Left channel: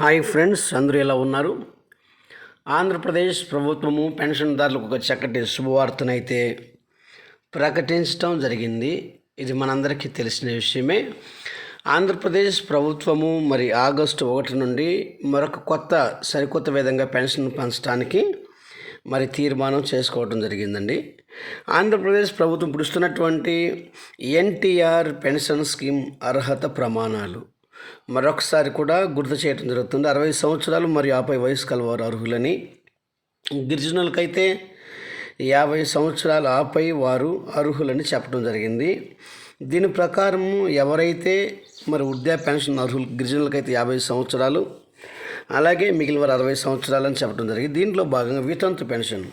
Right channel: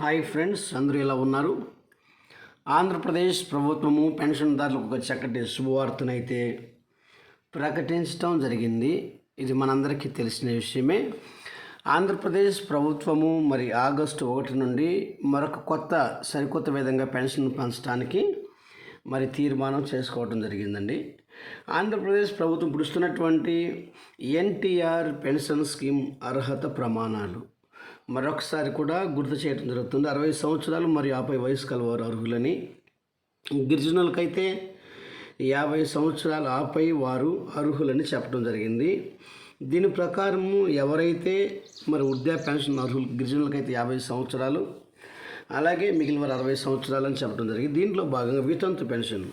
Hi friends, అందరూ ఎలా ఉన్నారు? ఆంధ్రప్రదేశ్ ప్రభుత్వము పెన్షన్దారులకు ఒక చక్కటి శుభవార్తనైతే ప్రకటించడం జరిగింది. ఇది మనందరికీ తెలిసిన విషయమే. ఆంధ్రప్రదేశ్ ప్రభుత్వము ఆగస్టు 1 నుండి మరొక సరికొత్త విధంగా పెన్షన్ పంచడానికి తీర్మానం చేసుకోవడం జరిగిందండి. ఆంధ్రప్రదేశ్ ప్రభుత్వం ఇప్పుడు ఇస్తున్నటువంటి ఎన్టీఆర్ పెన్షన్ స్కీమ్ అర్హత ప్రమాణాలు మరొకసారి కూడా గుర్తు చేయడం జరుగుతుంది. 60 సంవత్సరాలు మరియు 50 వయసు కలవారు అర్హులని. గిరిజనులకైతే 50 సంవత్సరాలు ఆపై వారు అర్హులని చెప్పడం జరిగింది. దీని ప్రకారం ఎవరైతే వృద్ధాప్య పెన్షన్ అర్హులు, గిరిజనులకైతే 50 సంవత్సరాలు, అలాగే మిగిలిన వారు 60 సంవత్సరాలు అని చెప్పడం జరిగింది. దీంట్లో భాగంగా వితంతు పెన్షన్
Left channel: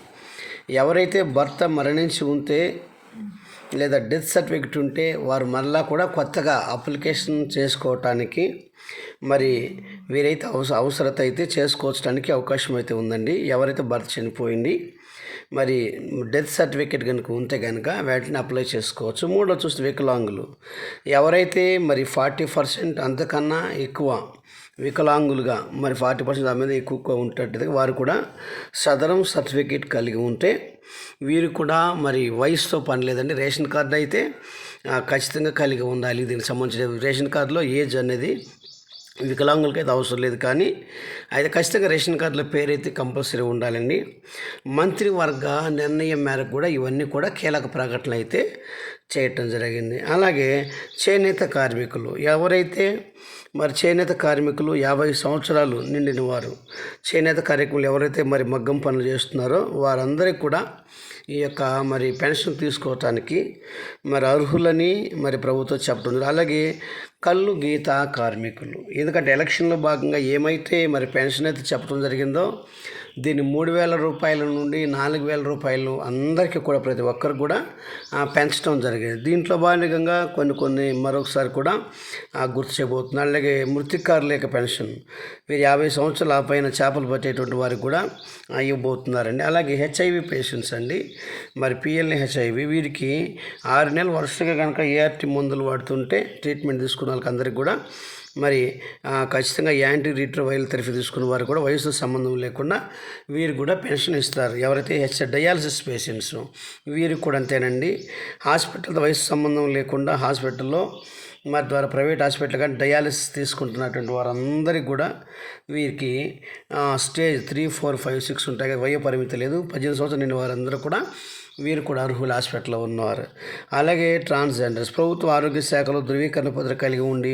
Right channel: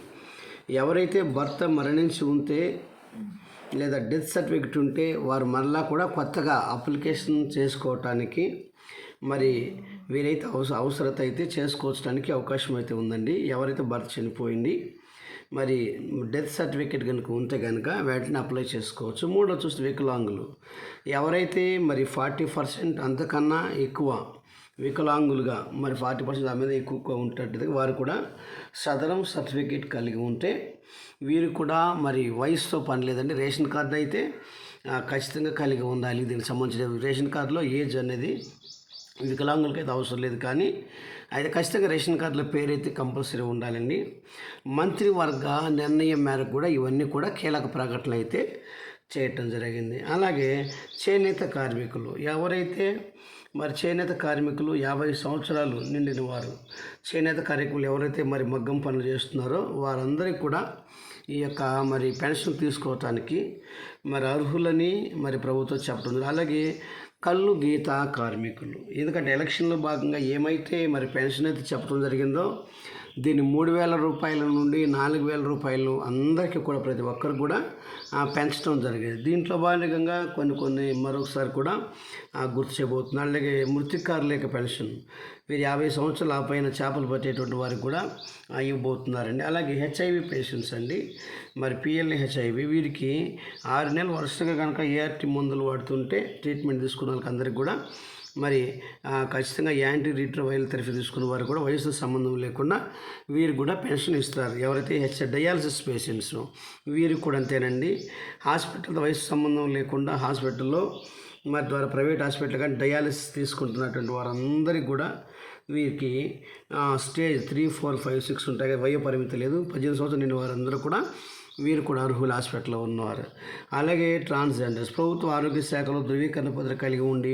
ఎవరైతే భర్త మరణించి ఉంటే లేదా డెత్ సర్టిఫికెట్ ఉంటే వారు మరలా కూడా కొత్తగా అప్లికేషన్ చేసుకోవటానికి వీరైతే అవసరత అయితే చేసుకోవడానికి అవకాశం అయితే ఉందండి. ఎవరైతే భర్త చనిపోయింది డెత్ సర్టిఫికేట్ కనుక ఉంటే కనుక వాటిని అప్లై చేసుకోవచ్చు. మూడో చూస్తే వికలాంగులు ఎవరైతే 40% అంతకన్నా ఎక్కువ వికలాంగులుగా 40% దాని మీద ఎక్కువ ఉంటట్టు వారు కూడా సదరం సర్టిఫికేట్ కలిగి ఉంటే వీరు కూడా వయసుతో పని లేదండి. రేషన్ కార్డు అయితే ఖచ్చితంగా కలిగి ఉండాలి. దీనికి సంబంధించిన రేషన్ కార్డులో ఏజ్ అనేది వికలాంగులకి అయితే అవసరం లేదు, కానీ అయితే ఖచ్చితంగా రేషన్ కార్డులో పేరు అయితే కంపల్సరీ ఉండాలండి. మంత్రివర్గ నిర్ణయం మేరకు కూడా ఇవన్నీ కూడా కీలక ప్రకటనలు అయితే చేయటం జరిగింది. అలాగే చేనేత కార్మికులు ఎవరైతే చేనేత కార్మికులు 50 సంవత్సరాలు నిండిన వారు, చేనేత కార్మికులు ఎవరైతే మగ్గం పనులు చేస్తున్నారో వారందరికీ కూడా ఈ యొక్క పెన్షన్ తీసుకోవటానికి అర్హులని ప్రభుత్వం చెప్పడం జరిగింది. అలాగే కళ్ళు గీత కార్మికులు, ఎందుకంటే ఎలక్షన్లో భాగంగా ఏమైతే పెన్షన్ అయితే చెప్పడం జరిగిందో దీన్ని 3,000 రూపాయల నుండి 4,000 రూపాయలు అందరికీ కూడా ప్రతి ఒక్కరు కూడా పెంచడం జరిగింది. దీంట్లో భాగంగా కొన్ని మరొకసారి కూడా గుర్తు చేయబోతున్నారు. అలాగే మృతికారులేక పెన్షన్ వీరు 50 సంవత్సరాల ఆ పైన చేపలు పట్టేటువంటి వారికి కూడా ఇవ్వబోతున్నారండి. అలాగే హెచ్ఐవి పేషెంట్స్ అండి, పిఎల్ఏ హెచ్ఐవి వీరికి 6 నెలలు వరుసగా కనుక ఏఆర్టీ మందులు వాడుతుంటే ట్రీట్మెంట్ తీసుకున్న వాళ్ళకి అందరికీ కూడా ఖచ్చితంగా యాంటీ రీట్రోవైరల్ థెరపీ తీసుకున్న వారు కూడా వయసు సంబంధం లేకుండా వీరు కూడా పెన్షన్ ఇస్తారు. ఎవరైతే డయాలసిస్ పేషెంట్స్ వీరికి కూడా అంతేనండి. హాస్పిటల్ వయసు సంబంధం లేకుండా హాస్పిటల్లో ద్వారా ప్రైవేట్ హాస్పిటల్ కానీ డయాలసిస్ తీసుకుంటున్నటువంటి వారందరికీ కూడా వీరికి స్టేజ్ 3, 4, 5, 6 ఉంటాయి. వయో పరిమితి లేదు. 18 సంవత్సరాలు నిండిన వారందరూ కూడా వీరు కూడా అర్హులు హాస్పిటల్లో ఉన్నవారు. అలాగే ట్రాన్స్జెండర్స్ ప్రభుత్వ ఆరోగ్య శాఖలో ధృవీకరణ పత్రం కలిగి ఉండి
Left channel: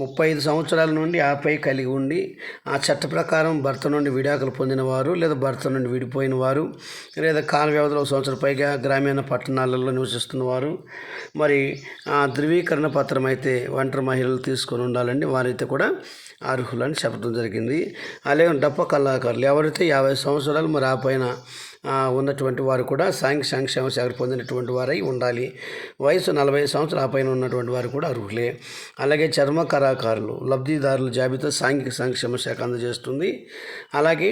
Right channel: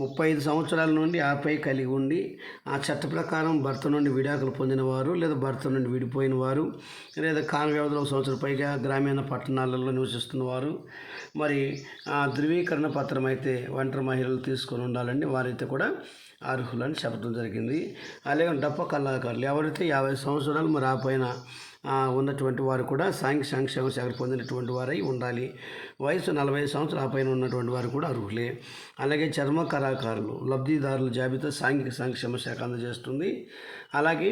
35 సంవత్సరాల నుండి ఆపై కలిగి ఉండి ఆ చట్ట ప్రకారం భర్త నుండి విడాకులు పొందిన వారు లేదా భర్త నుండి విడిపోయిన వారు లేదా కాల వ్యవధిలో 1 సంవత్సరం పైగా గ్రామీణ పట్టణాలలో నివసిస్తున్న వారు ధృవీకరణ పత్రం అయితే ఒంటరి మహిళలు తీసుకొని ఉండాలండి. వారైతే కూడా అర్హులని చెప్పడం జరిగింది. అలాగే డప్ప కళాకారులు ఎవరైతే 50 సంవత్సరాలు ఆ పైన ఉన్నటువంటి వారు కూడా సాంఘిక సంక్షేమ శాఖ పొందినటువంటి వారై ఉండాలి. వయసు 40 సంవత్సరాల పైన ఉన్నటువంటి వారు కూడా అర్హులే. అలాగే చర్మ కళాకారులు లబ్ధిదారుల జాబితా సాంఘిక సంక్షేమ శాఖ అందజేస్తుంది. అలాగే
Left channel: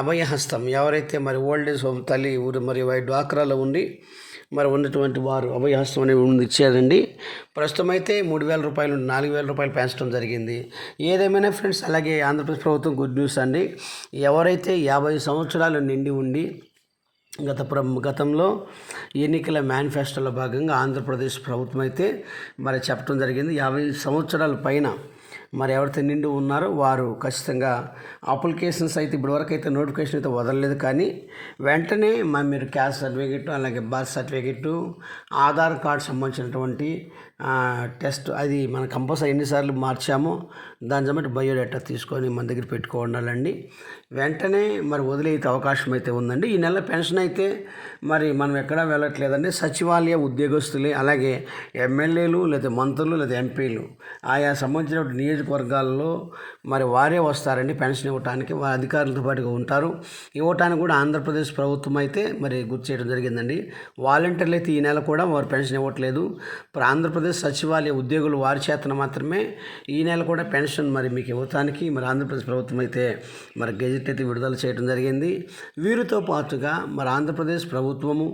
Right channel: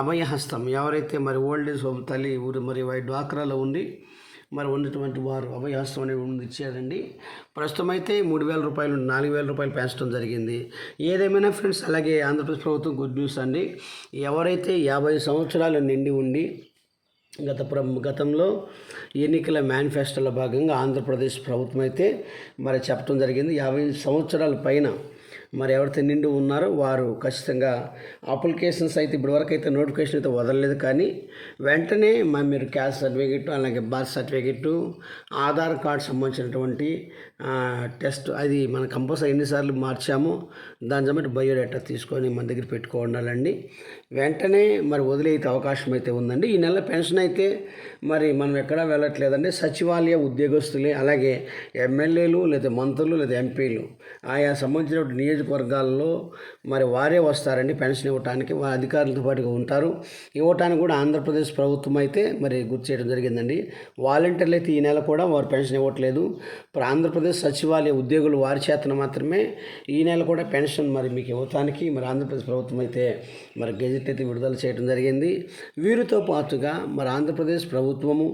అభయహస్తం ఎవరైతే ఓల్డ్ ఏజ్ హోమ్ తల్లి ఊరు డ్వాక్రాలో ఉండి ఉన్నటువంటి వారు అభయహస్తం అనేది ఇచ్చారండి. ప్రస్తుతం అయితే 3,000 రూపాయలు నుండి 4,000 రూపాయలు పెంచడం జరిగింది. ఏదేమైనా ఫ్రెండ్స్, అలాగే ఆంధ్రప్రదేశ్ ప్రభుత్వం గుడ్ న్యూస్ అండి. ఎవరైతే 50 సంవత్సరాలు నిండి ఉండి గతంలో ఎన్నికల మేనిఫెస్టోలో భాగంగా ఆంధ్రప్రదేశ్ ప్రభుత్వం అయితే చెప్పడం జరిగింది. 50 సంవత్సరాల పైన ఎవరైతే నిండి ఉన్నారో వారు ఖచ్చితంగా అప్లికేషన్స్ అయితే ఇప్పటివరకు అయితే నోటిఫికేషన్ అయితే వదలలేదు, కానీ వెంటనే మీరు క్యాస్ట్ సర్టిఫికెట్, అలాగే బర్త్ సర్టిఫికెట్, ఆధార్ కార్డు సంబంధించినటువంటి టెస్ట్ అది మనం కంపల్సరీ ఎన్నిసార్లు మార్చామో దాని జమ్మటి బయోడేటా తీసుకొని మన దగ్గర పెట్టుకోవాలండి. వెంటనే వదిలేతే అవకాశం అయితే ఉందండి. ఈ నెల పెన్షన్ అయితే మనం ఎక్కడా వెళ్ళట్లేదండి. సచివాలయ ఉద్యోగస్తులే, అలాగే ఎమ్మెల్యేలు లేదా మంత్రులు లేదా ఎంపీలు ఆయా సంబంధించిన నియోజకవర్గాల్లో వారే వస్తారండి పెన్షన్ ఇవ్వటానికి. వారి అధికారులతో పాటుగా ఉంటారు. ఇవ్వటానికి కూడా ఆంధ్రప్రదేశ్ ప్రభుత్వం అయితే గుర్తు చేయడం జరిగిందండి. వాలంటీర్లు అయితే ఈ నెల కూడా వారు పెన్షన్ ఇవ్వట్లేదు. ఆంధ్రప్రదేశ్ సచివాలయ ఉద్యోగులు వారి చేతన మాత్రమే ఈ నెల కూడా పెన్షన్ మీకు ఇవ్వటానికి ఆంధ్రప్రదేశ్ ప్రభుత్వం అయితే గెజెట్ అయితే విడుదల చేయడం జరిగింది. వీరితో పాటుగా ఆంధ్రప్రదేశ్ ప్రభుత్వము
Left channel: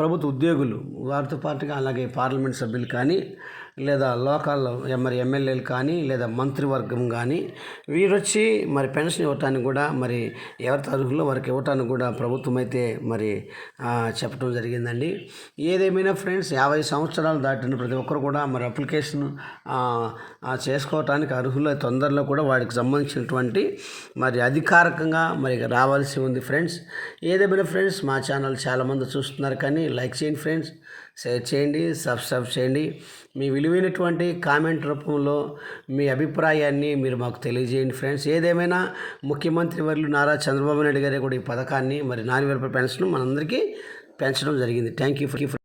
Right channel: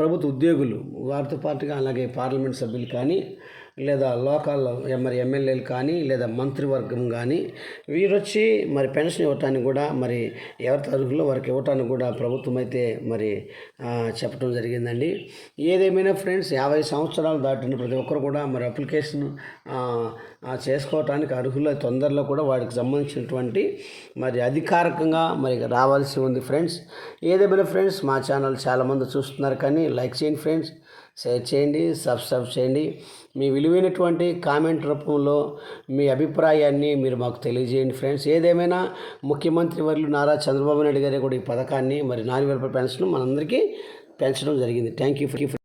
ప్రభుత్వ ఉద్యోగులు వారితో పాటుగా అలాగే పార్లమెంట్ సభ్యులు కానీ లేదా లోకల్ మరి ఎమ్మెల్యేలు కానీ లేదా మంత్రివర్గం కానీ వీరొచ్చి మరి పెన్షన్ ఇవ్వటానికి కూడా మరి ఎవరి అర్హులో వారికి ఇవ్వటానికి కూడా ప్రభుత్వం అయితే మరి చెప్పడం జరిగిందండి. ఏదేమైనా ఫ్రెండ్స్ 50 సంవత్సరాలు దాటిన ప్రతి ఒక్కరు కూడా మరి అప్లికేషన్ చేసుకోవటానికి అర్హులు తొందరలో కూడా వాడికి సంబంధించినటువంటి మరి అధికారికంగా మరి రావాల్సి ఉంది ఫ్రెండ్స్. ఏదేమైనా ఫ్రెండ్స్ మా ఛానల్ చాలామంది చూస్తున్నారు కానీ లైక్ చేయండి ఫ్రెండ్స్, షేర్ చేయండి, సబ్స్క్రైబ్ చేయండి. మీ విలువైనటువంటి కామెంట్ రూపంలో మీ అభిప్రాయాన్ని మీరు మాకు తెలియజేయండి ఫ్రెండ్స్. ఏదేమైనా ముఖ్యమంత్రి వర్యులు నారా చంద్రబాబు నాయుడు గారి కూడా ఈ పథకాన్ని మరి 4000 రూపాయల పెన్షన్ మనందరికీ పెంచడం జరిగింది. Thank you.